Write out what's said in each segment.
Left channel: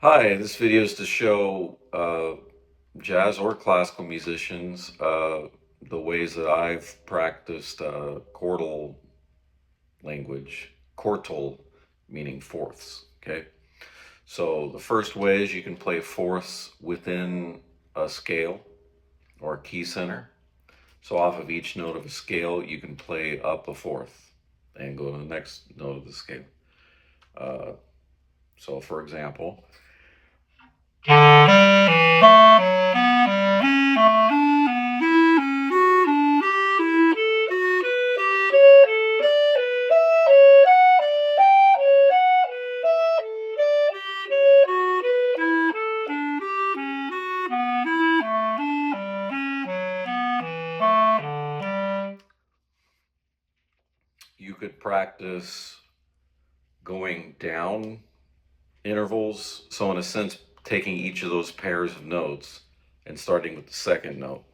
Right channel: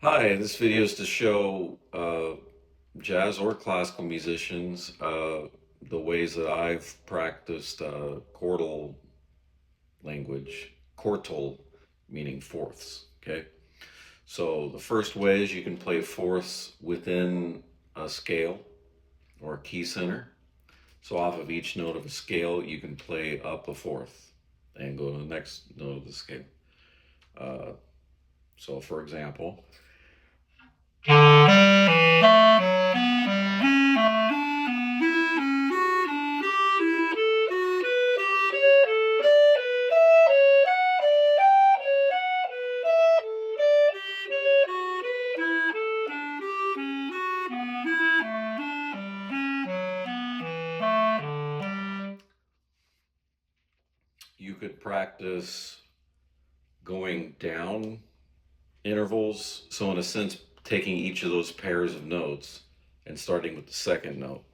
Hi, this video is to show jazz or classical musicians the ways that I've practiced chordal language, quartal meaning fourths, okay? So the first way is you can play fourths within a scale or a key center. So off of each note of a scale, you can play up a fourth and go to the next note of the scale. So for example, you could practice going down intervals. So in a sense, taking each of those pairs of notes and starting with the second note.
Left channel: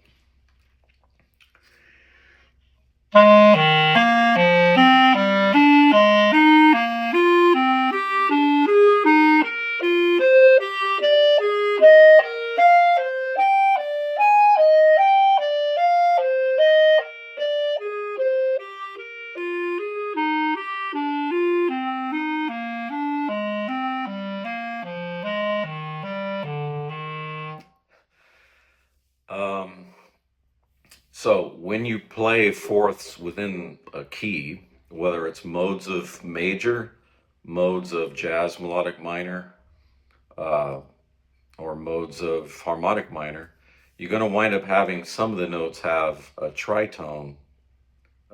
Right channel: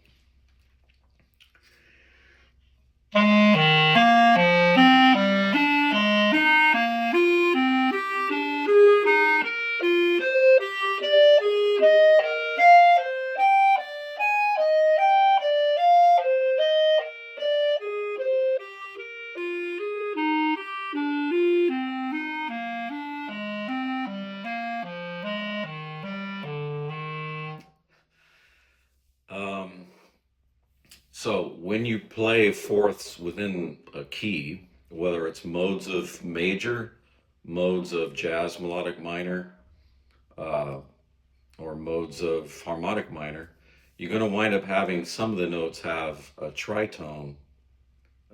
So when you play fourths within a key, whether it's modes of major, modes of jazz melodic minor, uh, or modes of harmonic minor, you're going to wind up having some of the notes have a tritone,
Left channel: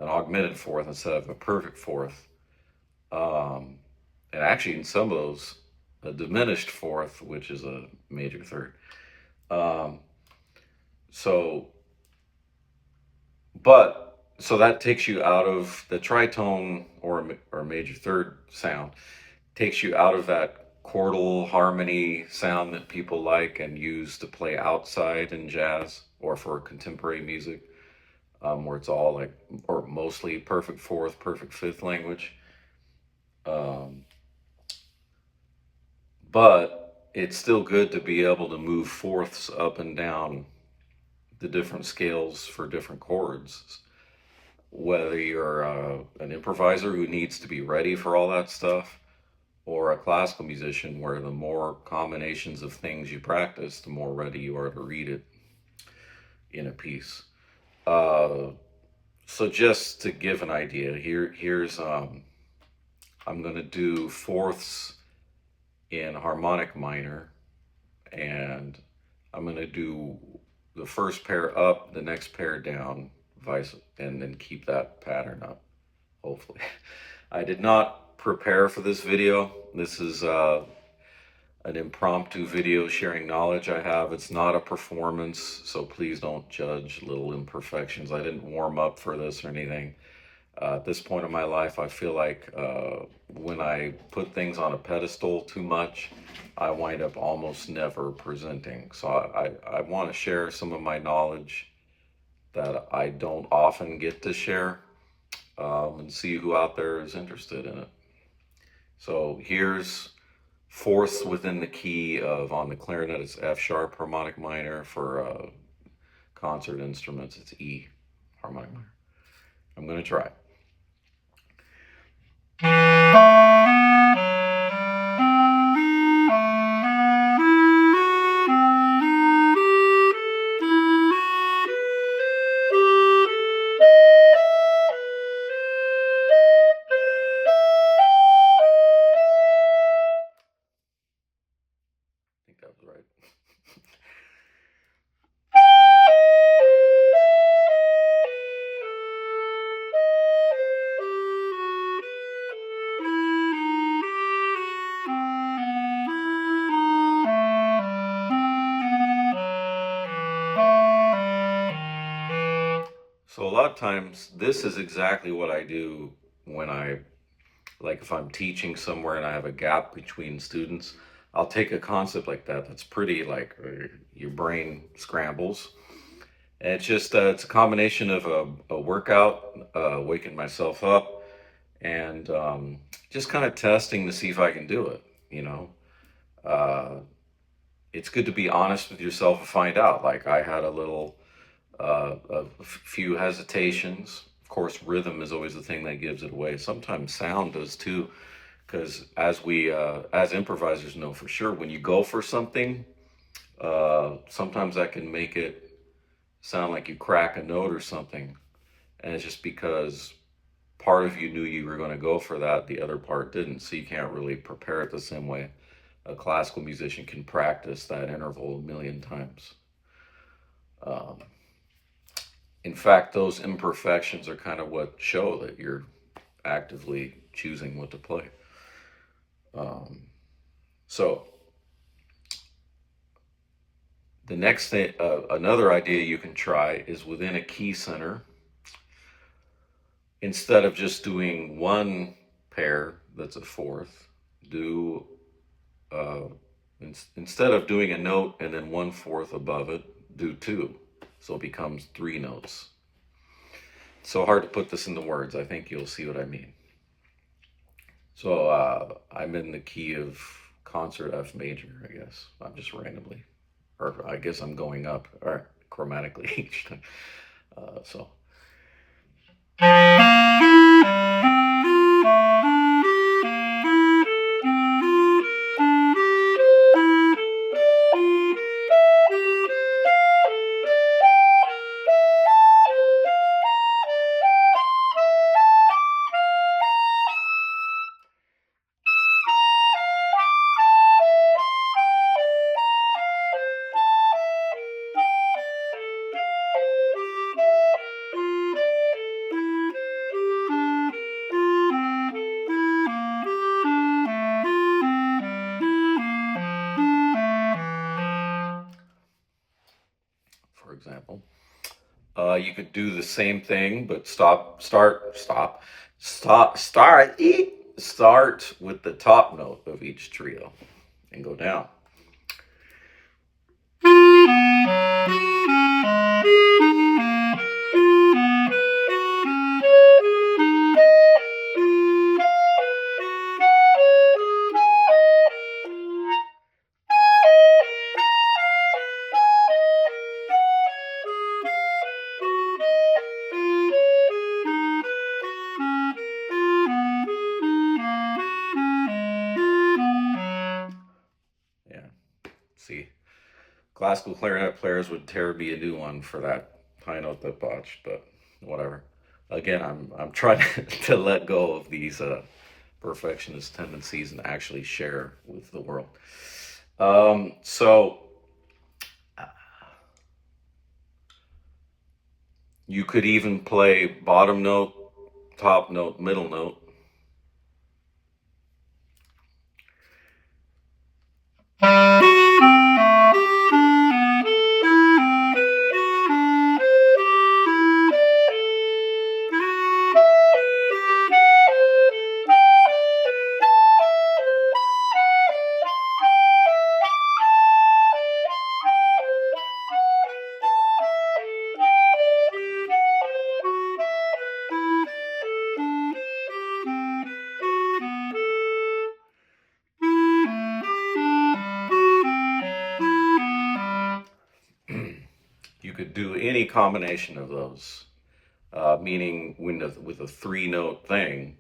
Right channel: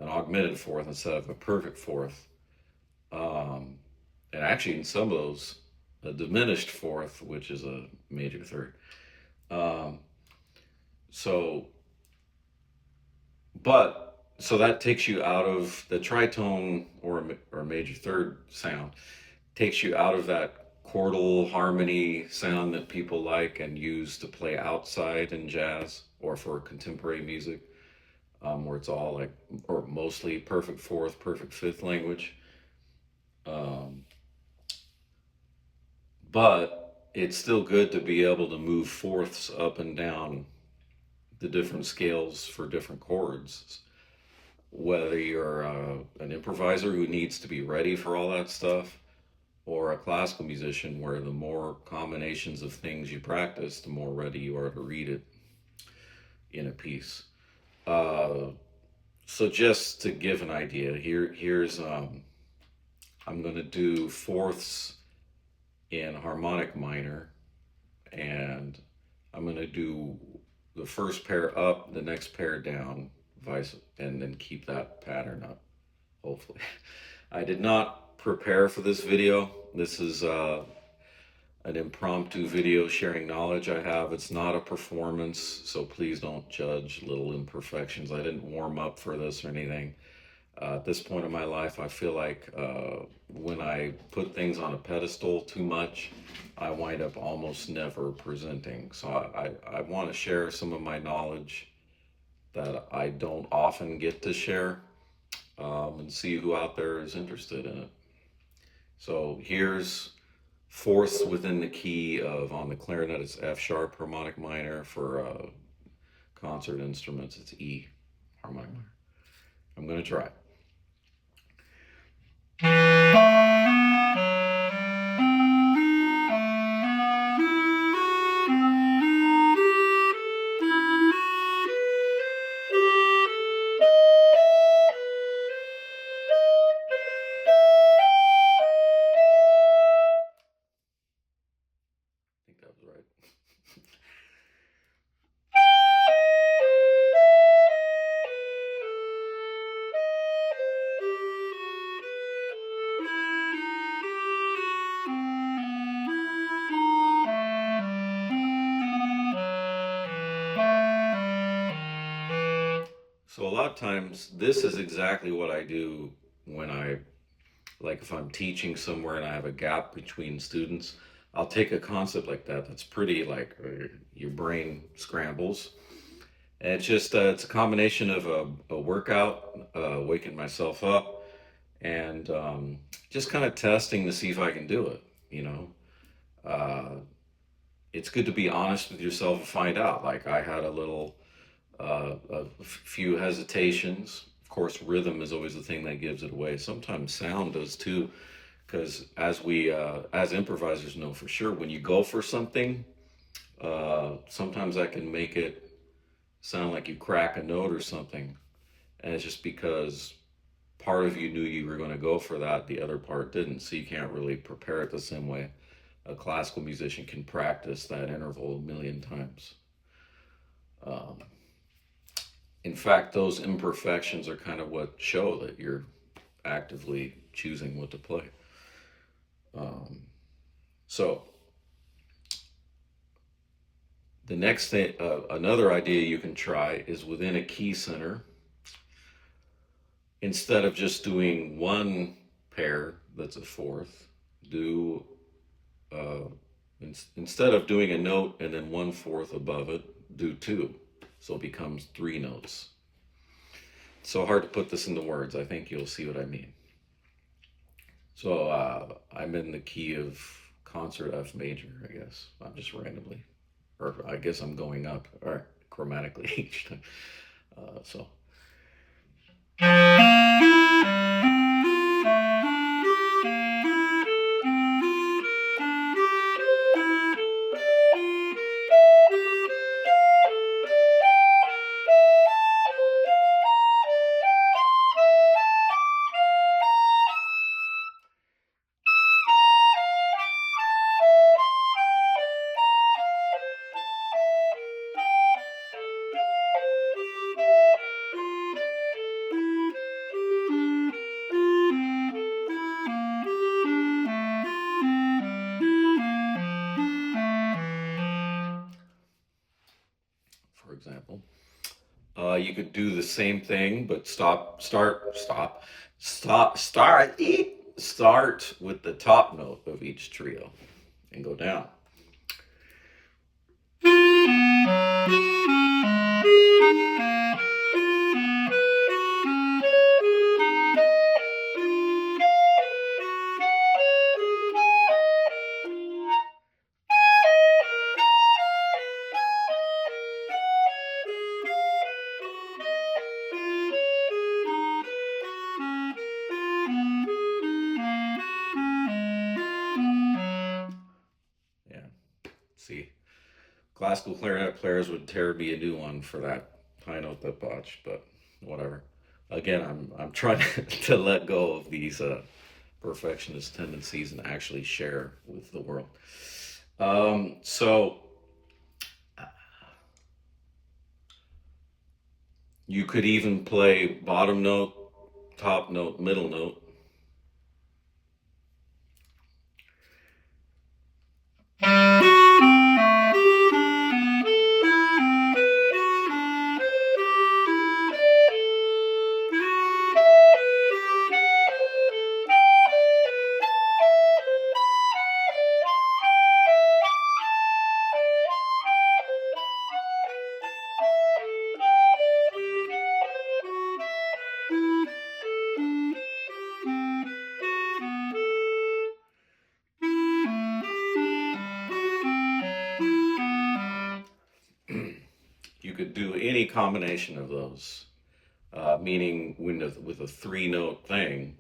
an augmented fourth instead of a perfect fourth. And actually in some of those, a diminished fourth, which is a major third. Um, so So that takes you out of the tritone or major third sound, takes you out of that chordal harmony sound that people like and use to play outside in jazz or for contemporary music, where it's all like, or mostly perfect fourth, perfect fifth language. But it's still good to be able to move fourths up and down the different scales for different chords. Whether you're an improviser who needs to be ready for all that stuff, or a classical musician where the more combinations of things you practice, the more ready you are to read it in a piece. So just to give an idea, here's I'm going to do fourths in harmonic minor, and I'm going to do the first pair up, the next pair down, and then keep that pattern up, hopefully. I did not prepare for this video. This is an impromptu video sharing knowledge I have. It's not a performance, so please don't judge little imperfections. I didn't warm up for this or anything. At this point in my life, I feel like when I put things on a pedestal too much, I wind up almost never presenting. So I want to share some of my knowledge that I don't often get to share, and see who out there is interested in it. So here's fourths within the key of, on the clarinet, it's F sharp harmonic minor. For concert instruments, it's E harmonic minor. I'm going to try. I think that was right. So a lot of times, this is exactly what I do when like if I'm teaching somewhere and I have a gap between students. I'll take a concept like that that's pretty like your brain scrambles. And it's just, it's a combination of a workout, waking myself up, and just kind of testing to see if I can do it, you know. It's good to be honest with yourself and find out. Like I had a few hesitations. Of course, rhythm is always the thing that gives it away. Sometimes sound does too, because as improvisers know for sure, when you go for something, sometimes that can make it sound like you crack a note or something, and it's just because part of you knew you were going to go for that, the other part didn't, so you can't really prepare it the same way a classical musician can practice that interval a million times. Um, in fact, those imperfections are kind of what show that you're actively choosing what to play. So the next thing, another idea you can try is within a key center, instead of just doing one pair that's a fourth, do instead of doing a note and then 1/4 above it, do two, so it becomes 3 notes. So hard to put this into words. I think you'll see what I mean. So I'm in the key of concert F major, I guess. I'm just randomly, or I guess I'm going up, or chromatically each time. So. For example, you could do the same thing, but start with the top note of each trio and go down. Yeah, see, classical clarinet players would tear me a new one for that high note that botched, but whatever. Again, I'm trying to let go of these perfectionist tendencies and actually share with the world. So you could even play bottom note, top note, middle note. You could do any combination of those, meaning with a 3-note thing,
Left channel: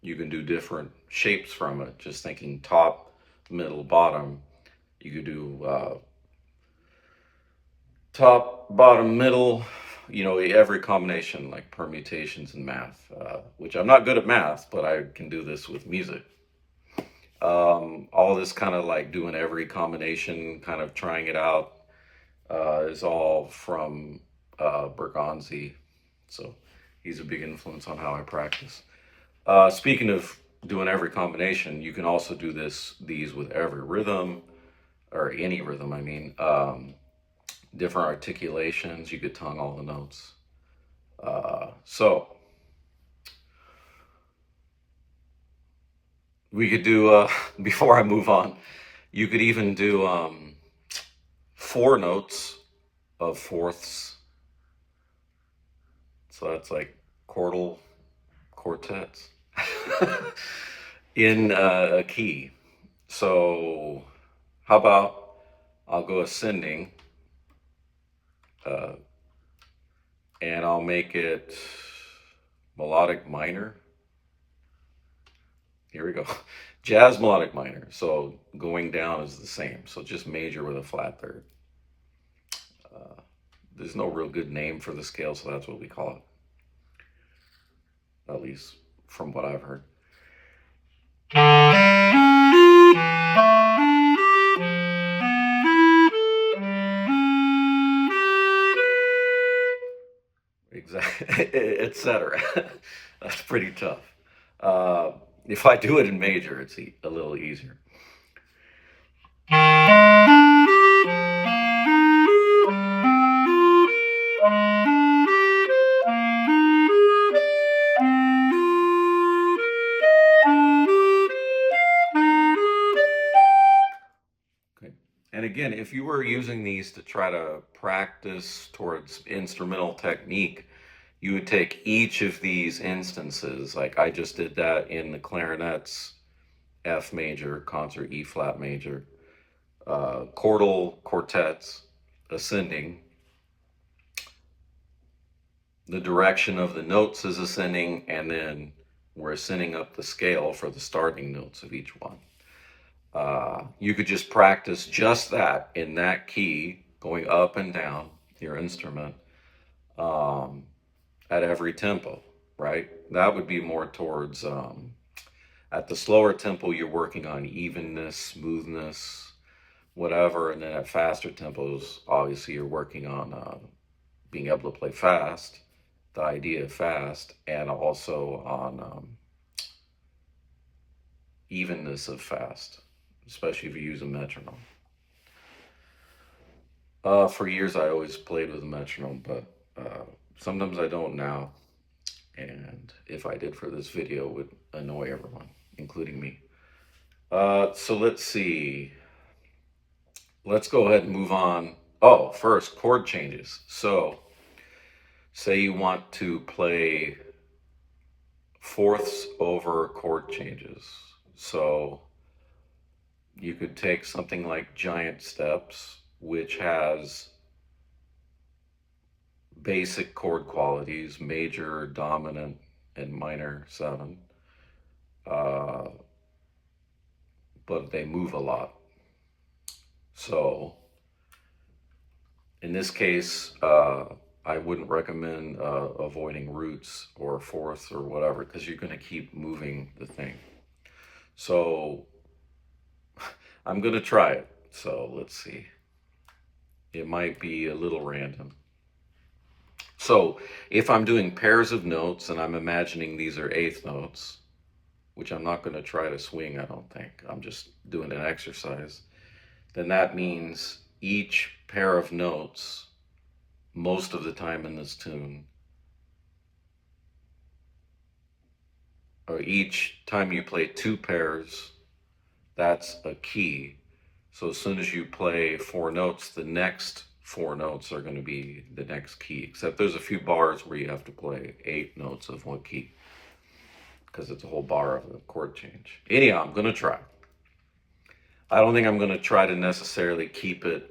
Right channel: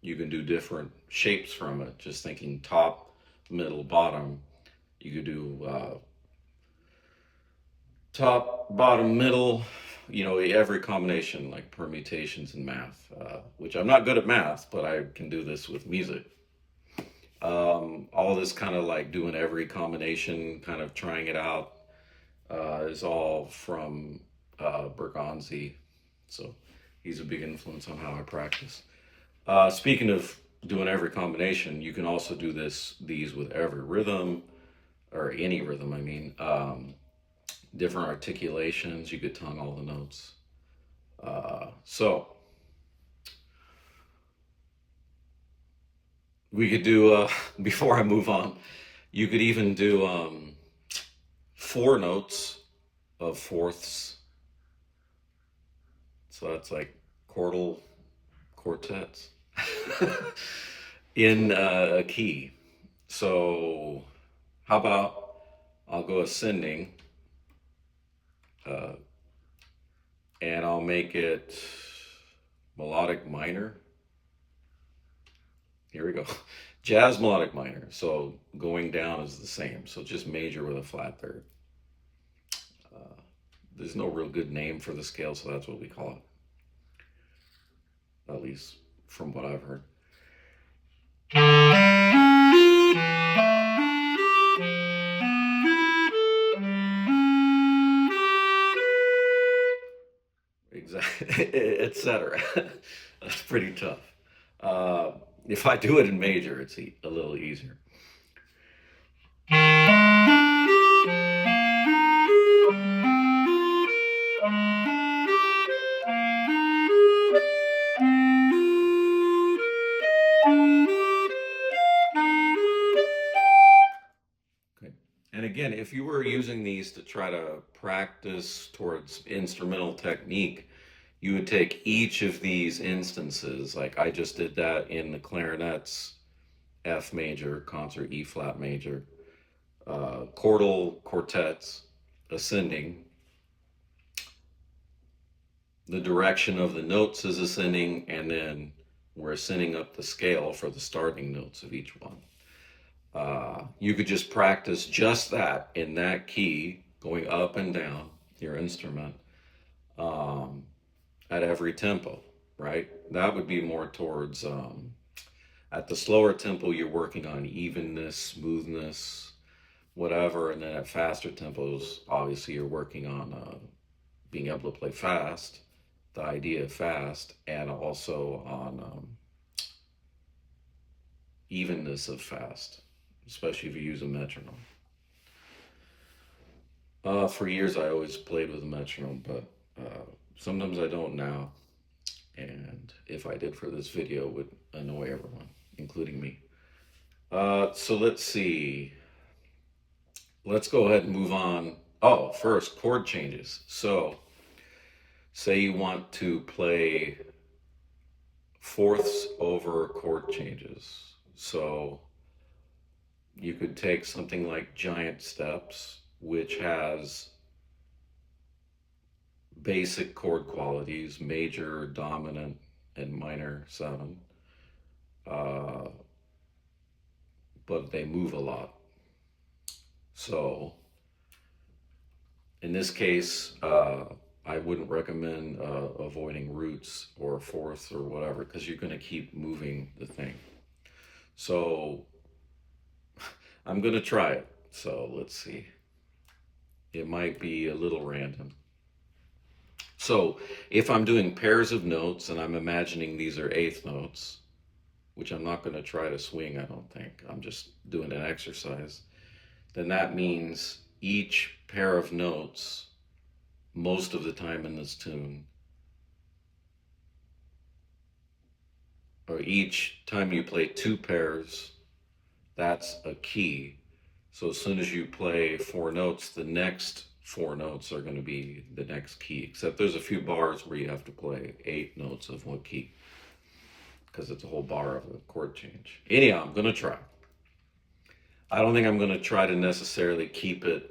you can do different shapes from it. Just thinking top, middle, bottom. You could do top, bottom, middle, every combination, like permutations in math, which I'm not good at math, but I can do this with music. All this kind of like doing every combination, kind of trying it out, is all from Bergonzi. So he's a big influence on how I practice. Speaking of doing every combination, you can also do these with every rhythm, or any rhythm, I mean. Different articulations, you could tongue all the notes. So we could do, before I move on, you could even do 4 notes of fourths. So that's like chordal quartets in a key. So How about I'll go ascending, and I'll make it melodic minor. Here we go. Jazz melodic minor. So going down is the same. So just major with a flat third. There's no real good name for the scale, so that's what we call it. At least from what I've heard. Exactly, etc. That's pretty tough. If I do it in major, it's a little easier. Okay. And again, if you were using these to try to practice towards instrumental technique, you would take each of these instances, like I just did that in the clarinet's F major, concert E flat major, chordal quartets, ascending. The direction of the notes is ascending, and then we're ascending up the scale for the starting notes of each one. You could just practice just that in that key, going up and down your instrument at every tempo, right? That would be more towards, at the slower tempo, you're working on evenness, smoothness, whatever. And then at faster tempos, obviously you're working on being able to play fast, the idea of fast, and also on evenness of fast, especially if you use a metronome. For years, I always played with a metronome, but sometimes I don't now. And if I did for this video, it would annoy everyone, including me. So let's see. Let's go ahead and move on. Oh, first, chord changes. So say you want to play fourths over chord changes. So you could take something like Giant Steps, which has basic chord qualities, major, dominant, and minor 7. But they move a lot. So in this case, I wouldn't recommend avoiding roots or fourths or whatever, because you're going to keep moving the thing. So I'm going to try it. So let's see. It might be a little random. So if I'm doing pairs of notes and I'm imagining these are eighth notes, which I'm not going to try to swing, I don't think. I'm just doing an exercise. Then that means each pair of notes, most of the time in this tune, or each time you play 2 pairs, that's a key. So as soon as you play 4 notes, the next 4 notes are going to be the next key, except there's a few bars where you have to play 8 notes of one key, because it's a whole bar of a chord change. Anyhow, I'm going to try. I don't think I'm going to try to necessarily keep it,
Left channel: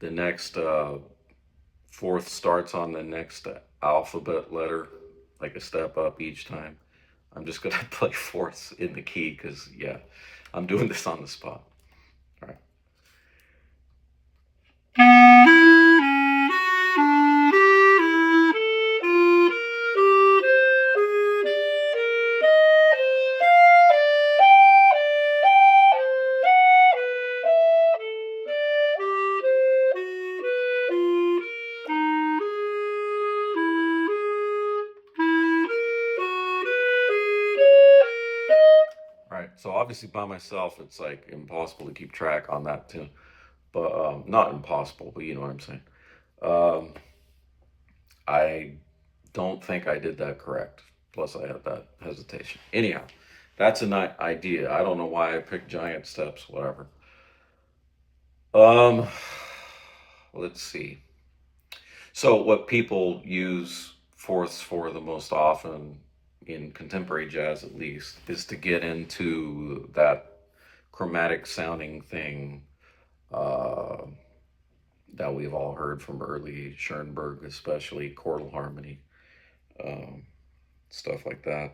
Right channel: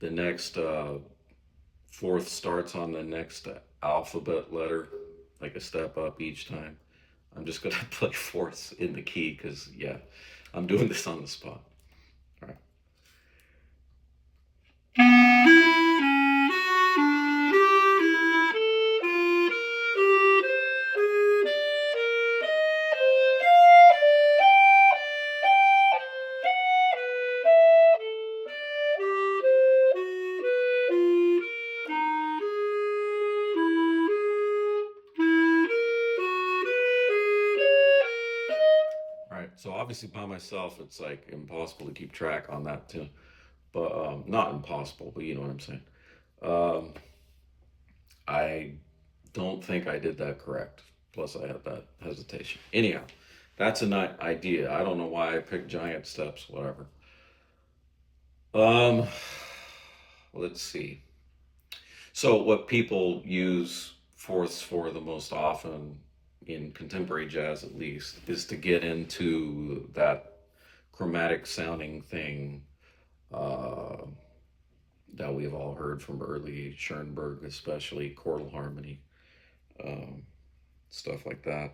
the next fourth starts on the next alphabet letter, like a step up each time. I'm just going to play fourths in the key, because, yeah, I'm doing this on the spot. All right. So obviously by myself, it's like impossible to keep track on that tune, but not impossible, but you know what I'm saying. I don't think I did that correct. Plus I had that hesitation. Anyhow, that's an idea. I don't know why I picked Giant Steps, whatever. Let's see. So what people use fourths for the most often, in contemporary jazz at least, is to get into that chromatic sounding thing, uh, that we've all heard from early Schoenberg, especially chordal harmony, um, stuff like that.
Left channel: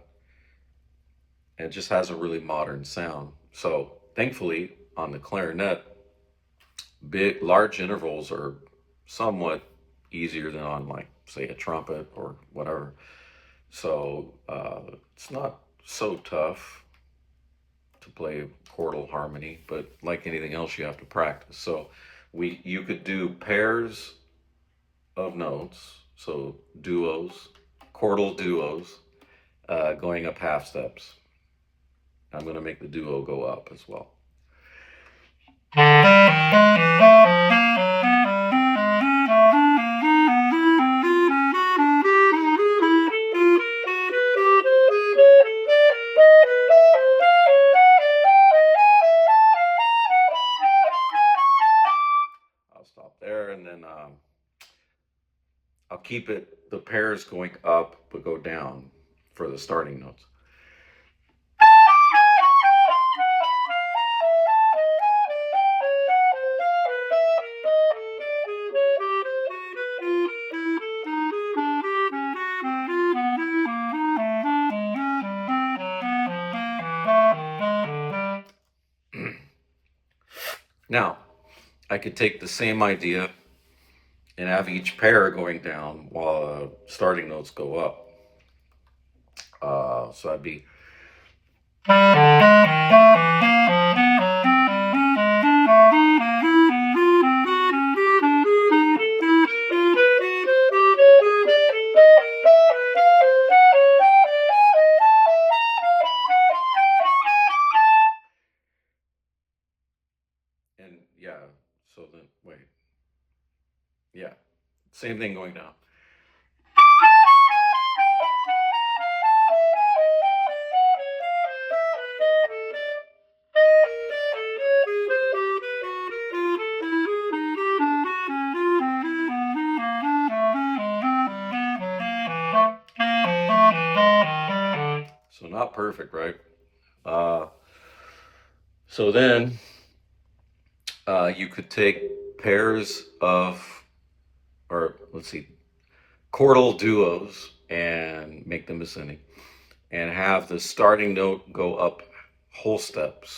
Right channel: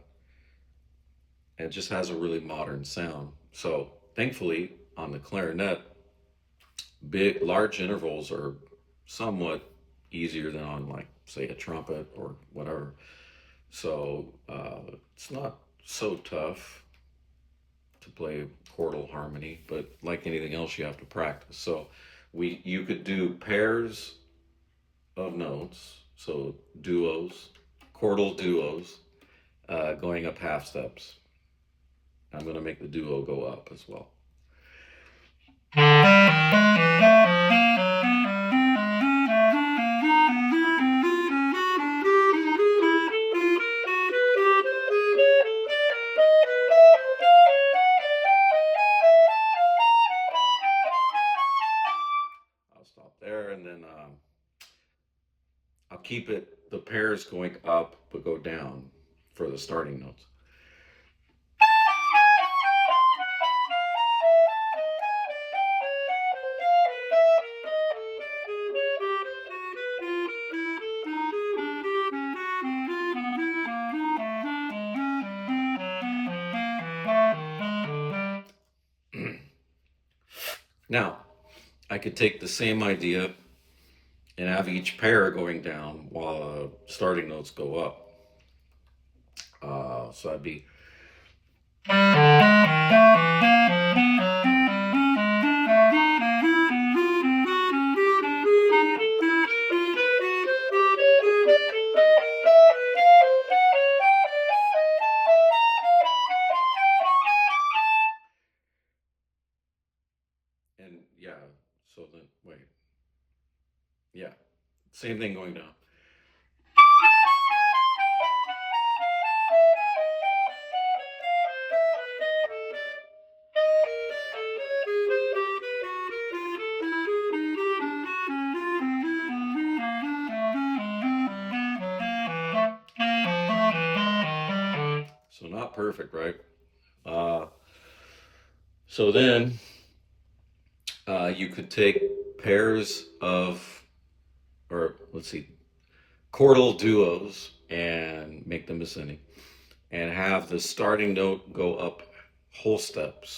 And it just has a really modern sound. So thankfully, on the clarinet, large intervals are somewhat easier than on, like, say, a trumpet or whatever. So it's not so tough to play chordal harmony, but like anything else, you have to practice. So you could do pairs of notes, so duos, chordal duos, going up half steps. I'm going to make the duo go up as well. I'll stop there, and then I'll keep the pairs going up, but go down for the starting notes. Now, I could take the same idea and have each pair going down while starting notes go up. So that'd be. And yeah, so then, wait. Yeah, same thing going down. So not perfect, right? So then you could take pairs of, or let's see, chordal duos and make them ascending, and have the starting note go up whole steps.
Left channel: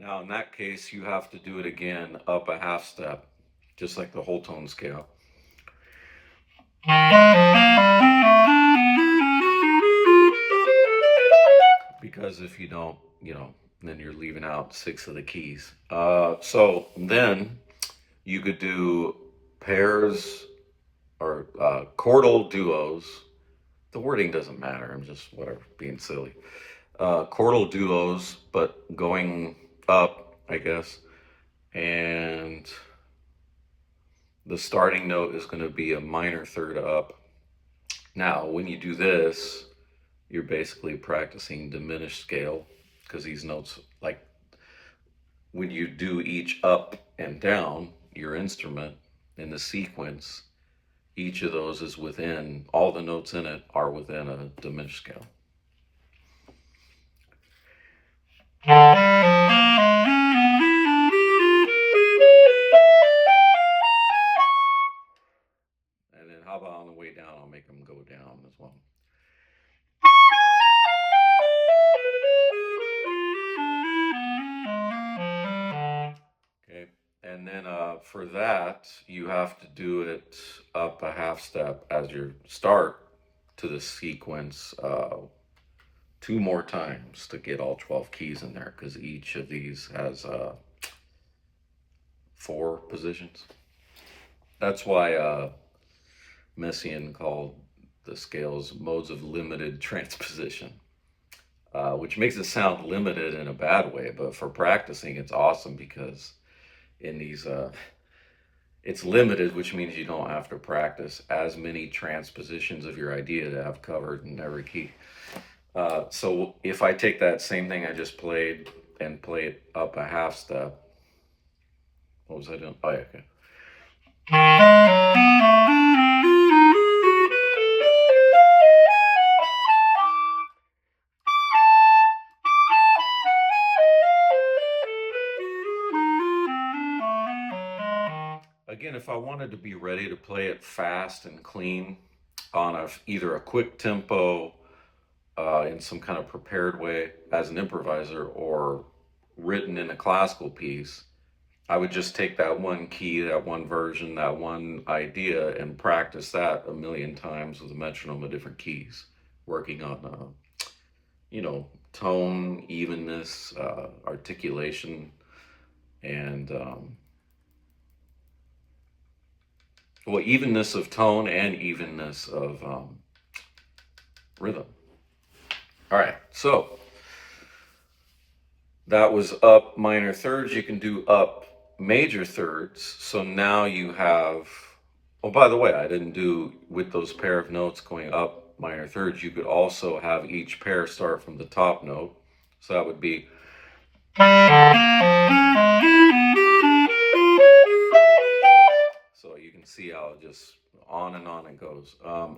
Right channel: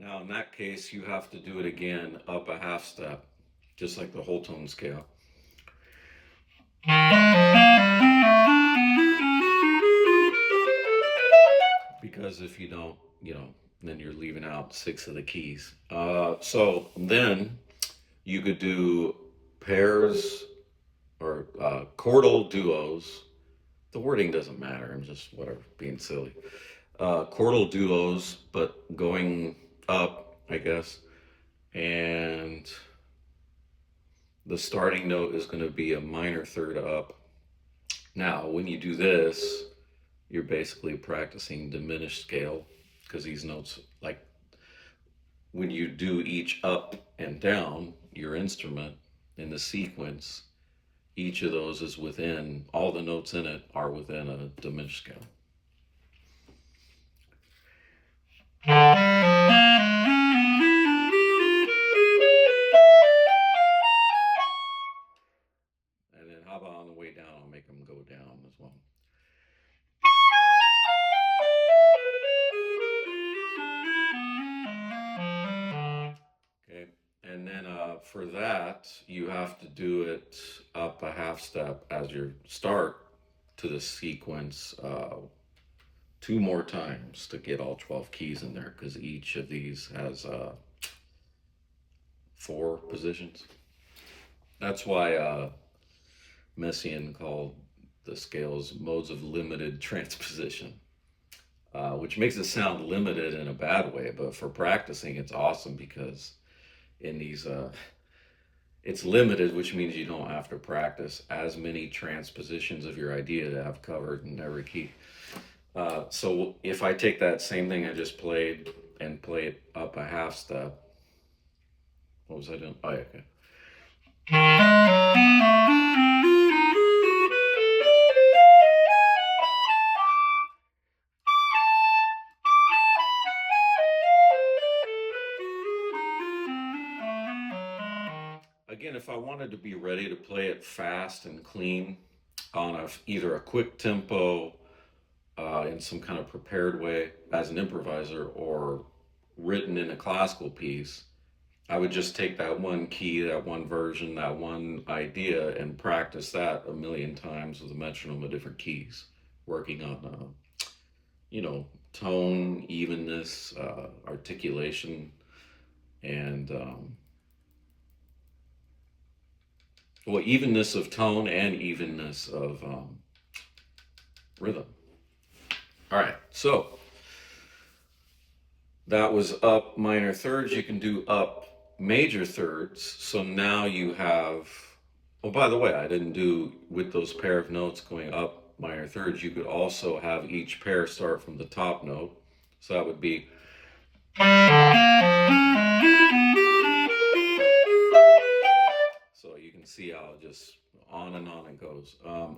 Now, in that case, you have to do it again up a half step, just like the whole tone scale. Because if you don't, then you're leaving out 6 of the keys. So then you could do pairs or chordal duos. The wording doesn't matter. I'm just being silly. Chordal duos, but going up, I guess. And the starting note is going to be a minor third up. Now, when you do this, you're basically practicing diminished scale, because these notes, like when you do each up and down your instrument in the sequence, each of those is within, all the notes in it are within a diminished scale. And then how about on the way down, I'll make them go down as well. Okay, and then for that, you have to do it up a half step as your start to the sequence 2 more times to get all 12 keys in there, because each of these has 4 positions. That's why Messiaen called the scales modes of limited transposition, which makes it sound limited in a bad way, but for practicing, it's awesome, because in these it's limited, which means you don't have to practice as many transpositions of your idea to have covered in every key. So if I take that same thing I just played and play it up a half step, what was I doing? Oh, yeah, okay. Again, if I wanted to be ready to play it fast and clean on either a quick tempo, in some kind of prepared way as an improviser, or written in a classical piece, I would just take that one key, that one version, that one idea, and practice that a million times with a metronome of different keys, working on, tone, evenness, articulation, and evenness of tone and evenness of rhythm. All right, so that was up minor thirds. You can do up major thirds. So now you have, oh, by the way, I didn't do with those pair of notes going up minor thirds. You could also have each pair start from the top note. So that would be. So you can see how it just on it goes.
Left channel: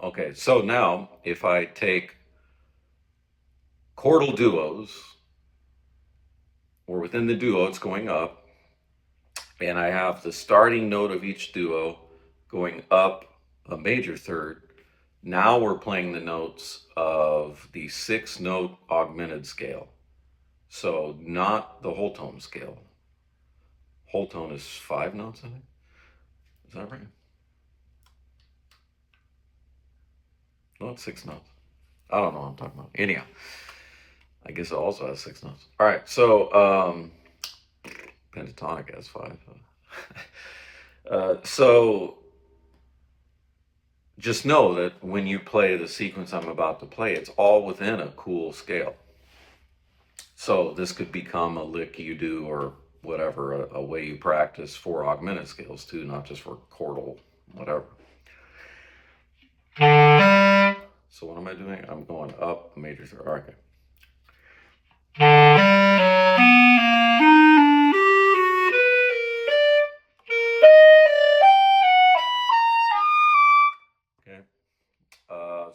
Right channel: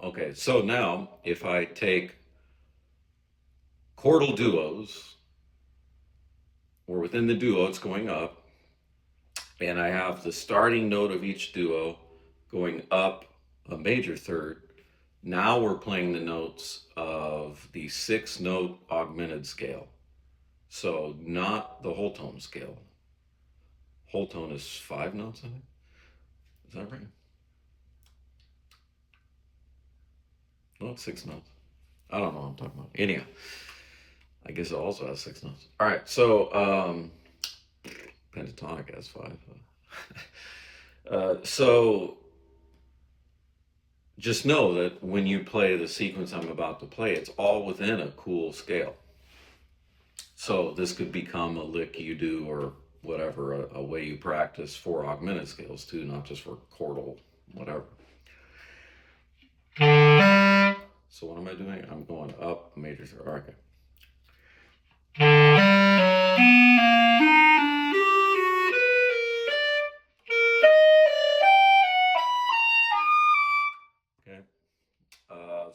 Okay, so now if I take chordal duos, or within the duo it's going up, and I have the starting note of each duo going up a major third. Now we're playing the notes of the 6-note augmented scale. So not the whole tone scale. Whole tone is 5 notes, I think. Is that right? No, it's 6 notes. I don't know what I'm talking about. Anyhow, I guess it also has 6 notes. All right, so pentatonic has 5. So just know that when you play the sequence I'm about to play, it's all within a cool scale. So this could become a lick you do, or whatever, a way you practice for augmented scales too, not just for chordal, whatever. So what am I doing? I'm going up major third. All right, okay. Okay.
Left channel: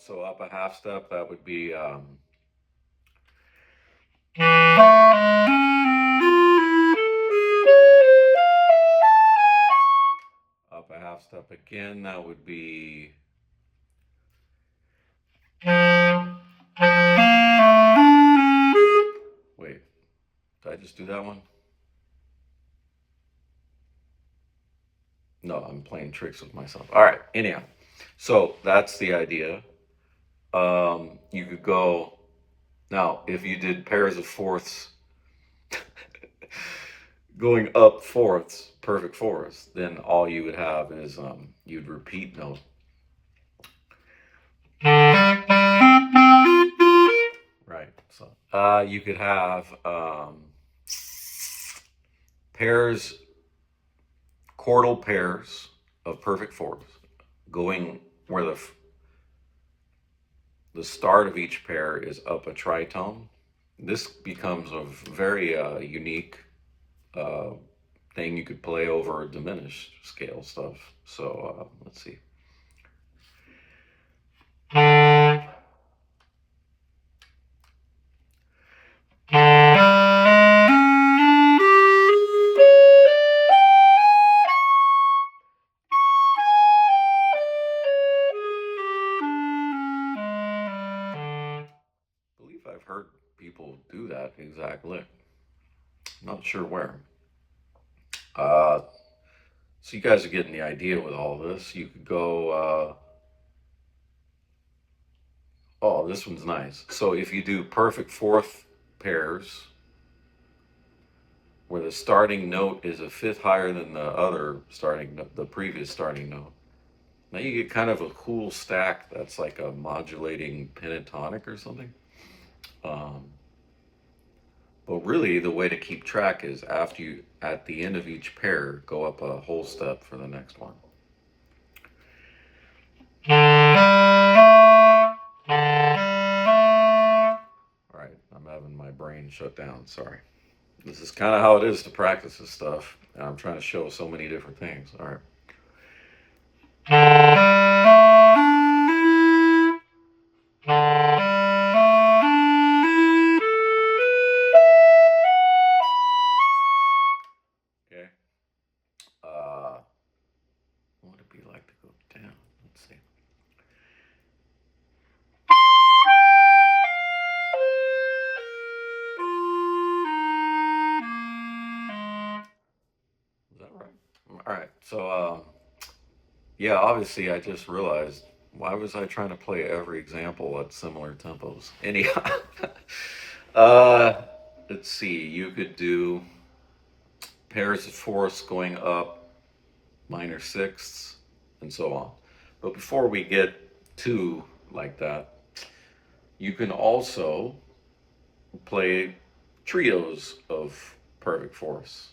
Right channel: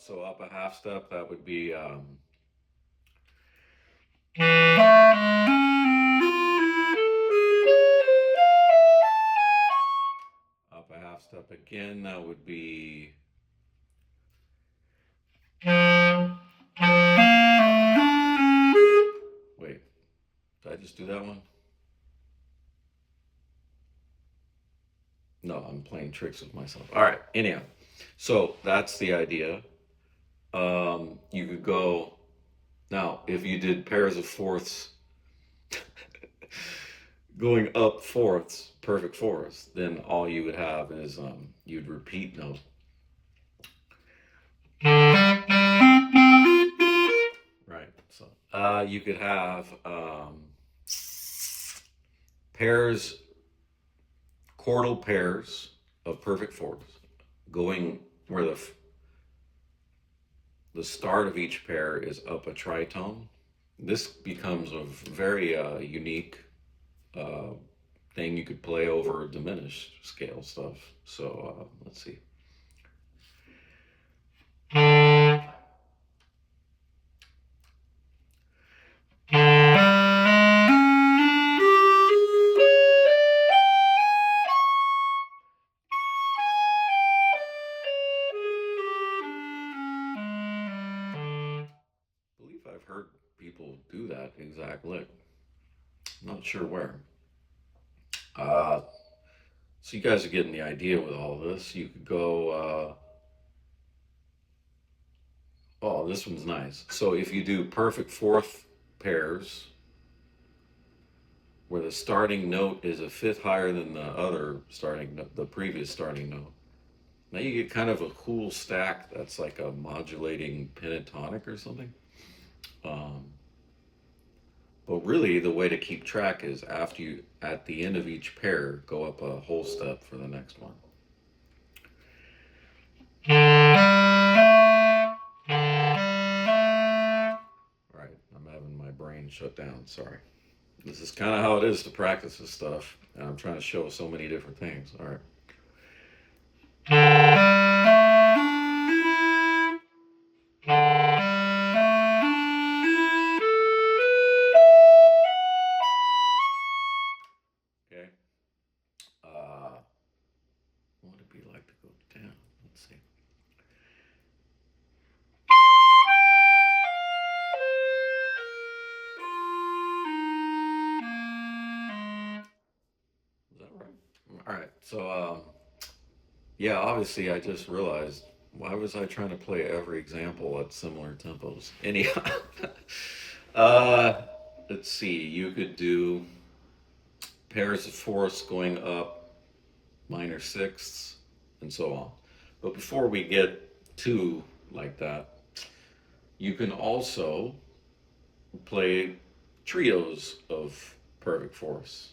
So up a half step, that would be up a half step again, that would be wait, did I just do that one? No, I'm playing tricks with myself. All right, anyhow, so that's the idea. You could go, now if you did pairs of fourths going up fourths, perfect fourths, then all you would have is you'd repeat note. Right. So you could have pairs, chordal pairs of perfect fourths going where the start of each pair is up a tritone. This becomes a very unique thing you could play over a diminished scale stuff. So let's see. I believe I've heard people do that exact lick. I'm not sure where. So you guys are getting the idea with all this. You could go, oh, this one's nice. So if you do perfect fourth pairs, where the starting note is a fifth higher than the previous starting note, now you get kind of a cool stack that's like a modulating pentatonic or something. But really, the way to keep track is after you, at the end of each pair, go up a whole step for the next one. All right, I'm having my brain shut down, sorry. This is kind of how it is to practice this stuff. And I'm trying to show so many different things. All right. Okay. What would it be like to go down? Let's see. Is that right? All right. So, yeah, obviously, I just realized why was I trying to play every example at similar tempos? Anyhow, uh, let's see. You could do pairs of fourths going up, minor sixths, and so on. But before we get to like that, you can also play trios of perfect fourths.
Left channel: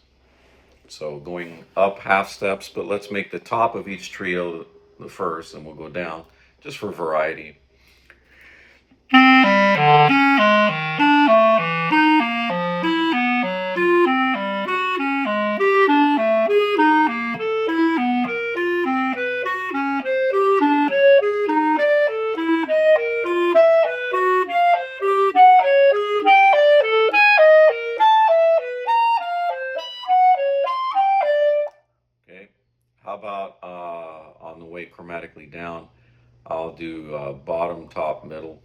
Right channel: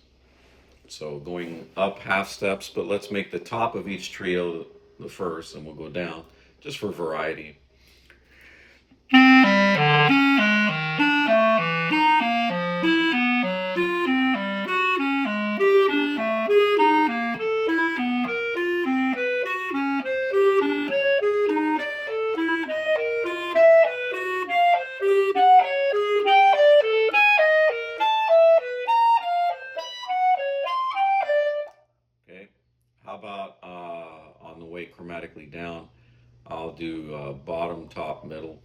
So going up half steps, but let's make the top of each trio the first, and we'll go down just for variety. Okay, how about on the way chromatically down, I'll do bottom, top, middle.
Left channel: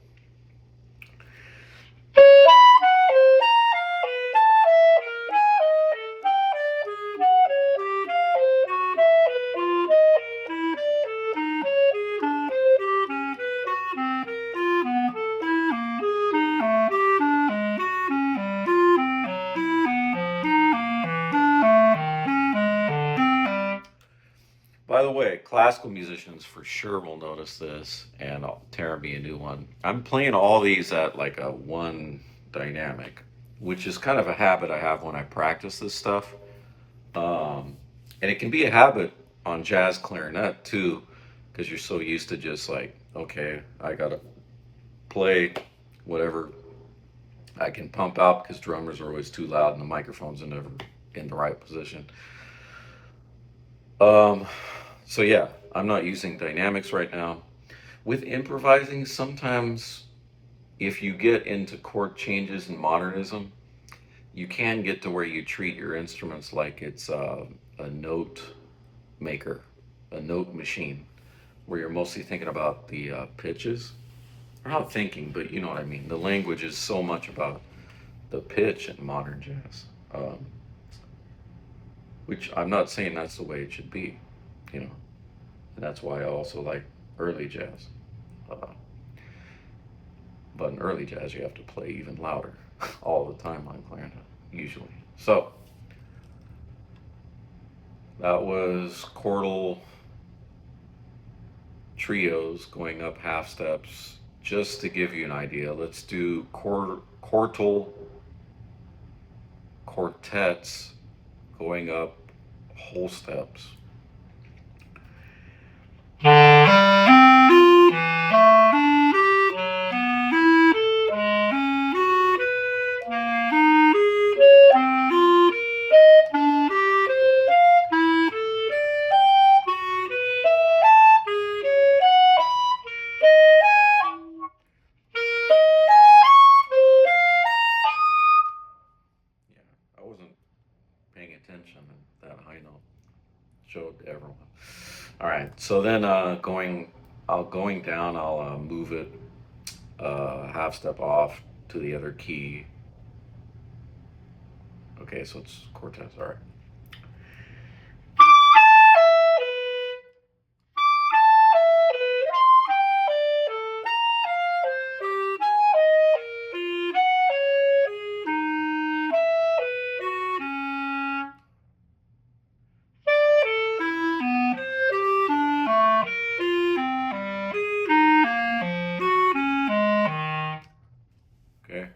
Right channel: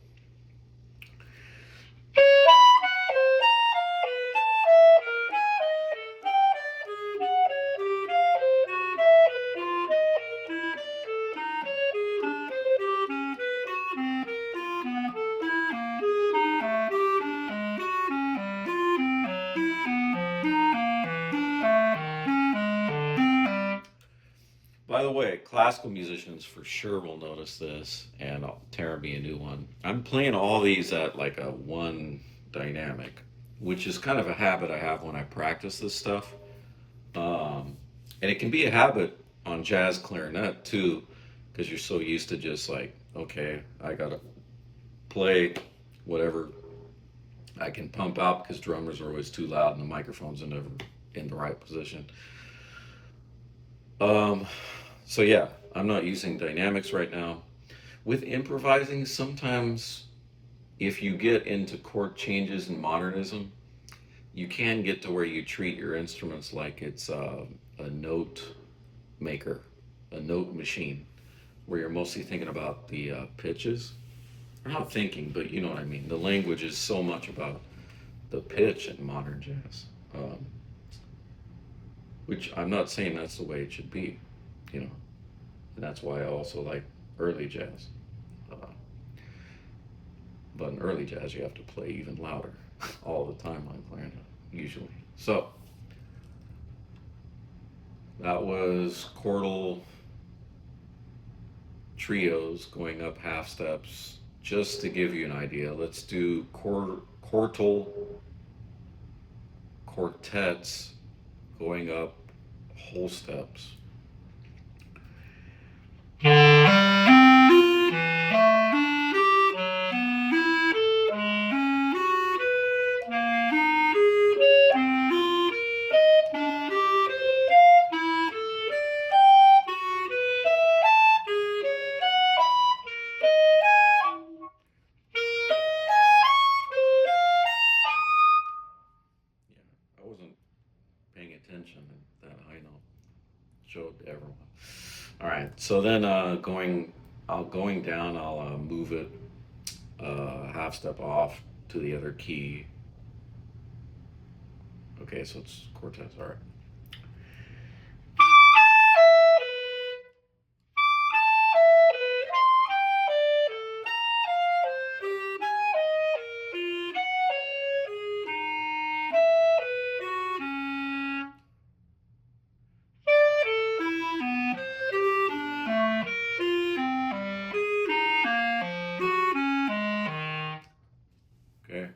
By the way, classical musicians for sure will notice this, and I'll tear me a new one. I'm playing all these at like a one dynamic, which is kind of a habit I have when I practice this stuff. And it can be a habit on jazz clarinet too, because you're so used to just like, okay, I gotta play whatever I can pump out because drummers are always too loud and the microphones are never in the right position. So yeah, I'm not using dynamics right now. With improvising, sometimes if you get into chord changes and modernism, you can get to where you treat your instruments like it's a note maker, a note machine, where you're mostly thinking about the pitches. Or not thinking, but you know what I mean. The language is so much about the pitch in modern jazz, which I'm not saying that's the way it should be, you know. And that's why I also like early jazz. But in early jazz, you have to play even louder all the time on clarinet, usually. So that was chordal trios going up half steps. Just to give you an idea, let's do chordal quartets going up whole steps. I wasn't paying attention at that high note. Showed everyone. All right, so then going down, I'll move it half step off to the other key. Okay, so it's quartets. All right. Okay.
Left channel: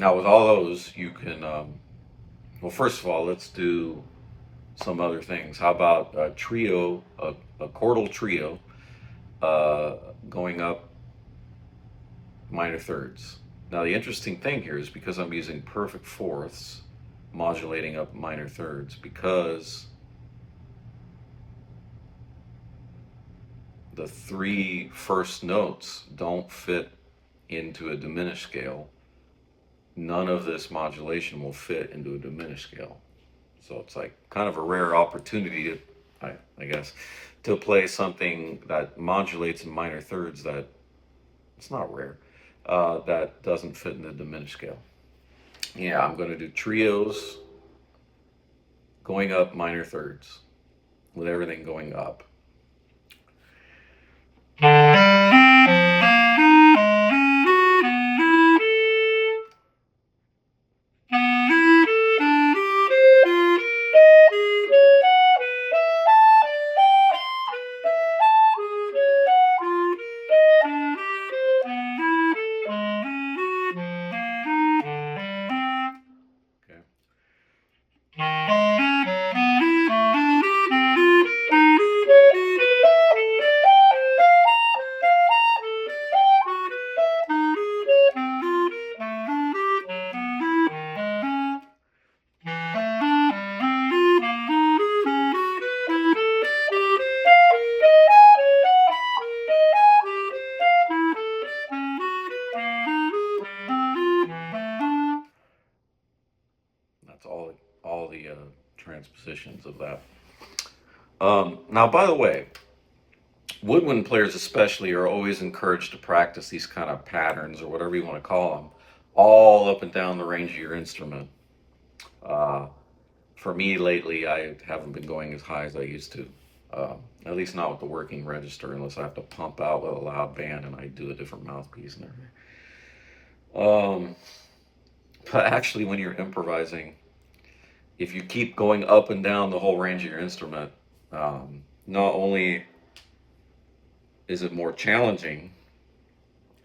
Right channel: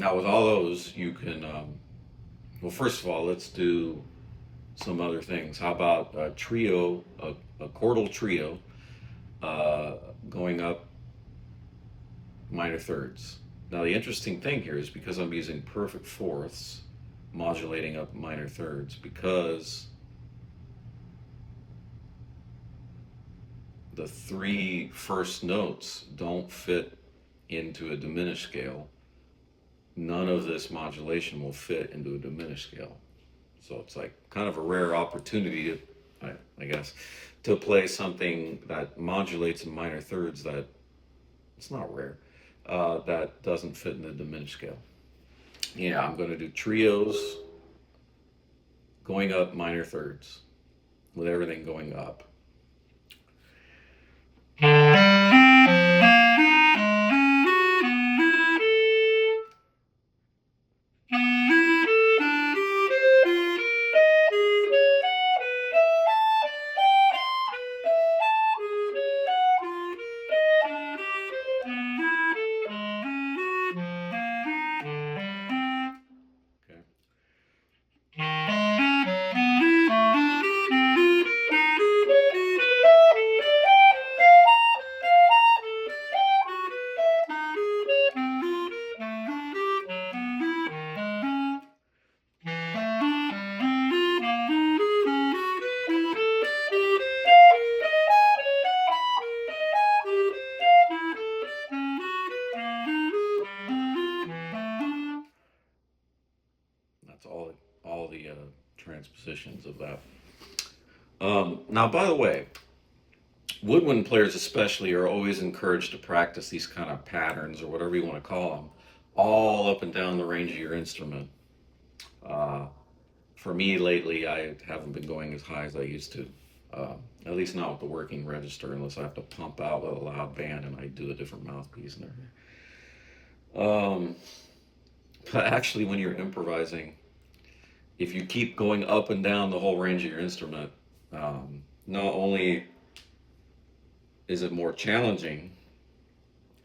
Now with all those, you can, well, first of all, let's do some other things. How about a trio, a chordal trio, going up minor thirds. Now the interesting thing here is because I'm using perfect fourths, modulating up minor thirds, because the three first notes don't fit into a diminished scale, none of this modulation will fit into a diminished scale. So it's like kind of a rare opportunity to, I guess, to play something that modulates in minor thirds that, it's not rare, that doesn't fit in the diminished scale. Yeah, I'm going to do trios going up minor thirds with everything going up. That's all the transpositions of that. Now, by the way, woodwind players especially are always encouraged to practice these kind of patterns, or whatever you want to call them, all up and down the range of your instrument. For me lately, I haven't been going as high as I used to, at least not with the working register, unless I have to pump out with a loud band and I do a different mouthpiece and everything. But actually, when you're improvising, if you keep going up and down the whole range of your instrument, not only is it more challenging,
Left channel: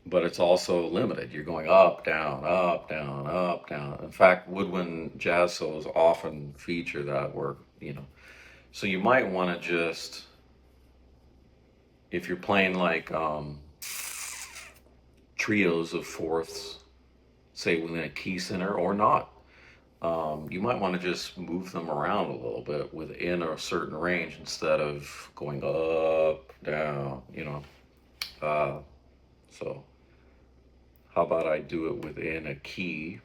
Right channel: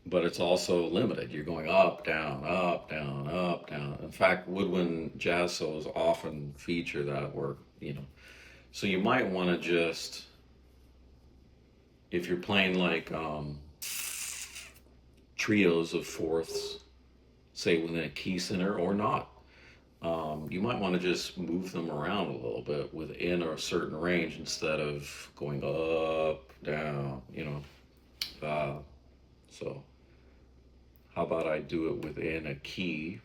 but it's also limited. You're going up, down, up, down, up, down. In fact, woodwind jazz solos often feature that work, you know. So you might want to just, if you're playing like trios of fourths, say within a key center or not, you might want to just move them around a little bit within a certain range instead of going up, down, you know. So how about I do it within a key?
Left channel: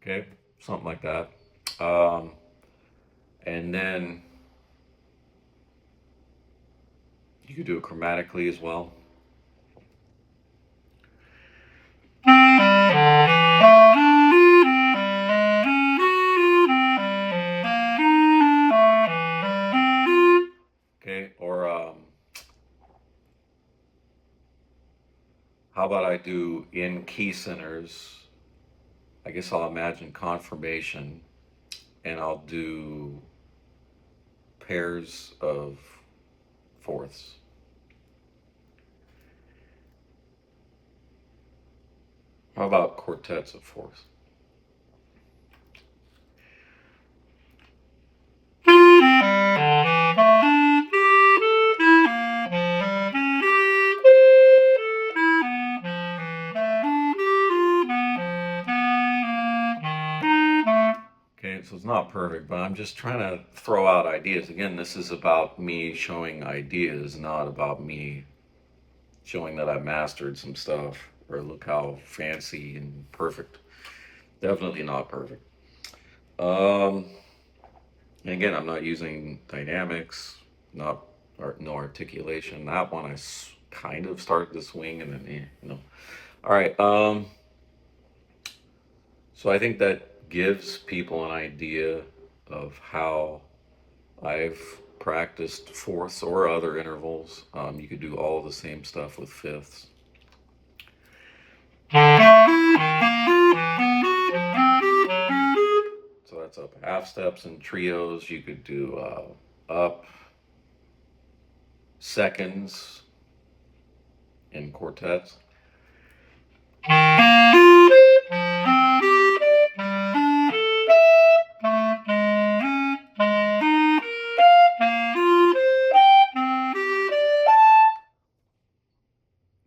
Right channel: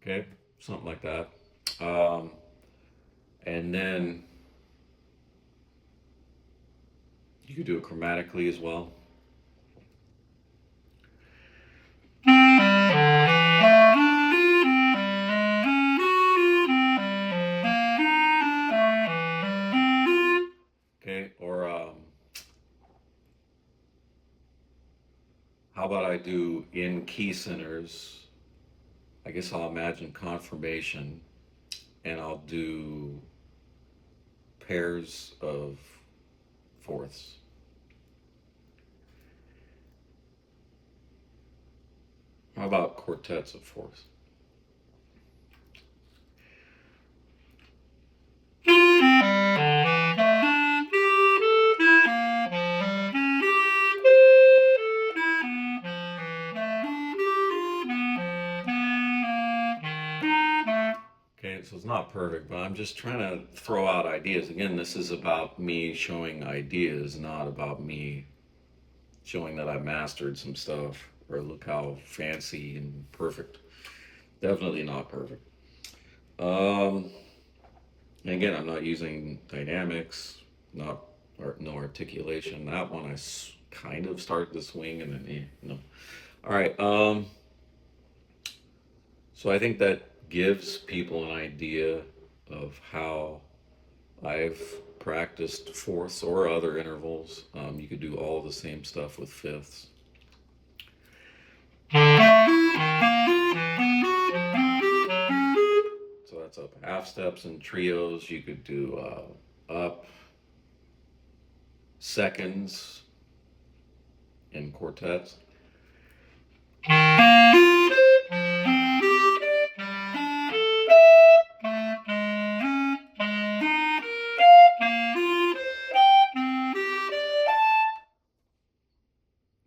Okay, something like that. And then you could do it chromatically as well. Okay, or how about I do in key centers? I guess I'll imagine confirmation, and I'll do pairs of fourths. How about quartets of fourths? Okay, so it's not perfect, but I'm just trying to throw out ideas. Again, this is about me showing ideas, not about me showing that I mastered some stuff or look how fancy and perfect. Definitely not perfect. And again, I'm not using dynamics, no articulation. That one I kind of started to swing and then, you know. All right. So I think that gives people an idea of how I've practiced fourths or other intervals. You could do all the same stuff with fifths. So that's up half steps and trios. You could do up seconds in quartets.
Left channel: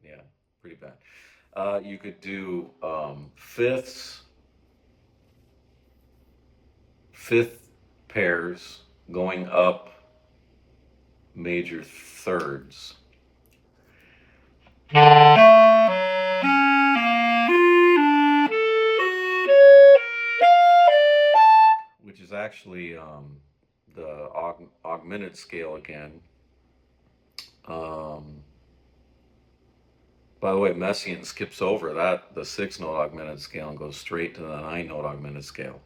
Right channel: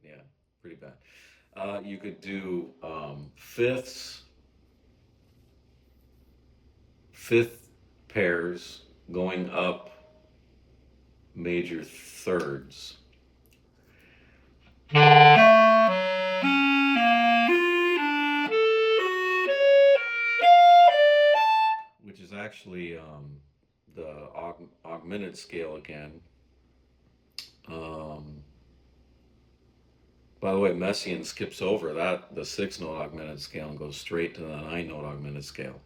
Yeah, pretty bad. You could do fifths, fifth pairs going up major thirds. Which is actually the augmented scale again. By the way, Messiaen skips over that, the 6-note augmented scale, and goes straight to the 9-note augmented scale.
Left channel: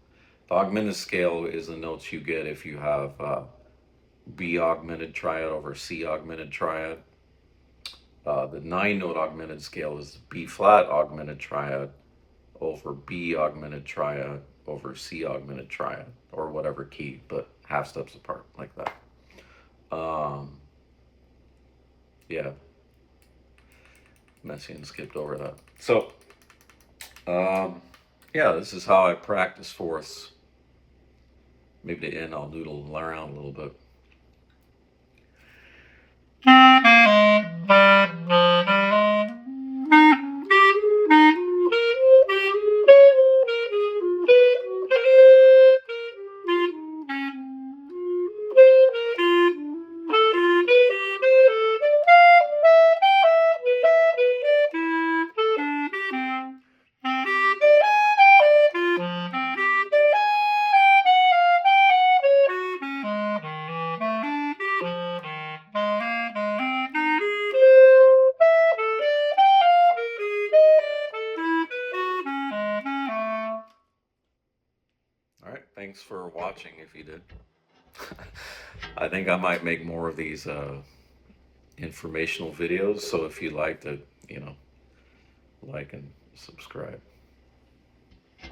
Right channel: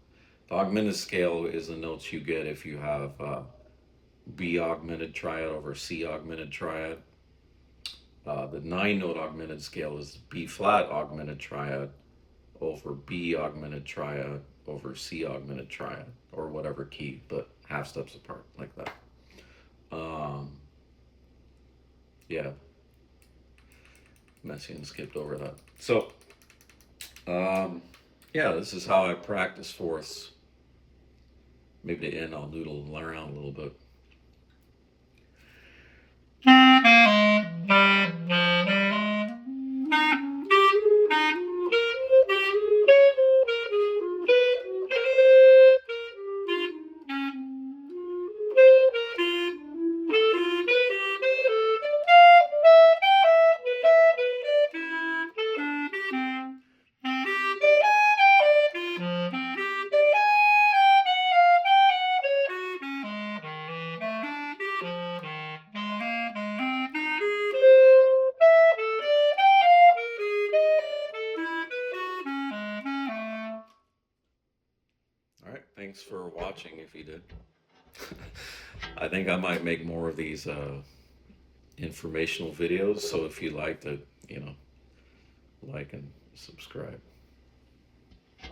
The augmented scale is the notes you get if you have B augmented triad over C augmented triad. The 9-note augmented scale is B flat augmented triad over B augmented triad over C augmented triad, or whatever key, but half steps apart, like that. Yeah. Messiaen skipped over that. So, yeah, this is how I practice fourths. Maybe to end, I'll noodle around a little bit. All right, thanks for watching if you did. I think I might make more of these informational videos, so if you liked it, like and subscribe.